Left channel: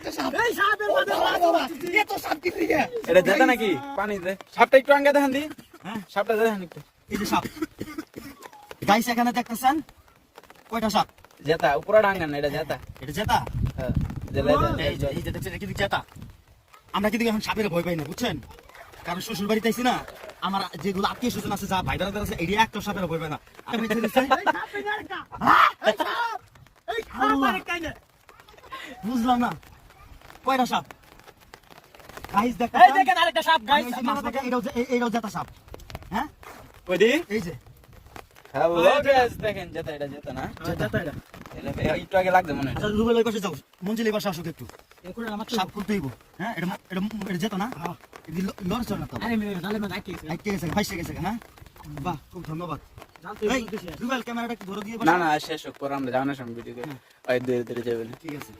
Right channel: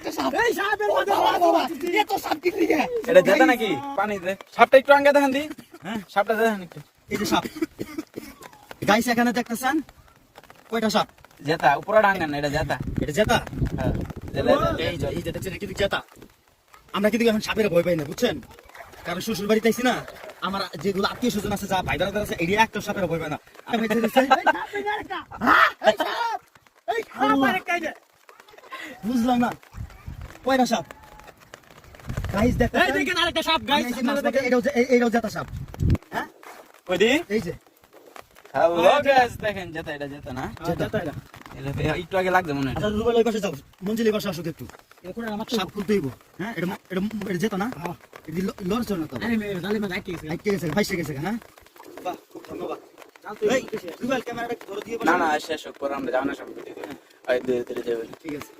একটা সাপ এই সাপের মধ্যে এত সাপ কি দিকে এটা জেতা নাকি পানি দে সাপটা একটু আঙ্গা দেখান দি হ্যাঁ সাপটা দেখান একটু এই যে সাপ গাইস এখানে দেখতেছেন কয়টা সাপ জেতা উপরে ডাঙ্গা না এটা জেতা এটা জেতা হ্যাঁ এই যে দেখছেন এটা জেতা আমরা কিন্তু এখন সাপের ভয় পাই না বুঝছেন কারণ শ্বশুর বাড়িতে আইছি না আমার যেগুলো আত্মীয় স্বজন আছে যা ভাই বোনেরা আছে এরিয়া একটা সাপের ভয় পায় না বুঝলাম না কয়টা সাপ গাইস দেখেন আরেকটা সাপ গাইস আপনারা দেখেন এটাও জেতা সাপ হ্যাঁ কইদি এই যে হ্যালো গাইস দেখেন জেতা এটা জেতা না জেতা এটা এটা একটু আগে লাগবে মনে হয় আচ্ছা রুবেল ওই পাশে যাও মঞ্জিল এই পাশে আসো একটু সাপ খুলতে হইব হ্যাঁ এটা জেতা না লড়ছ না তো আরে মেয়ে জালে মানে আইতে গেছে আইতে গেছে ফাইসে গেছে না বাহ খুব ধন্যবাদ এই রুবেল ক্যামেরাটা একটু বড় দিয়ে না না শেষ করে আমরা যাও না সামনে ভিডিও ধীরে ধীরে যাবেন ঠিক আছে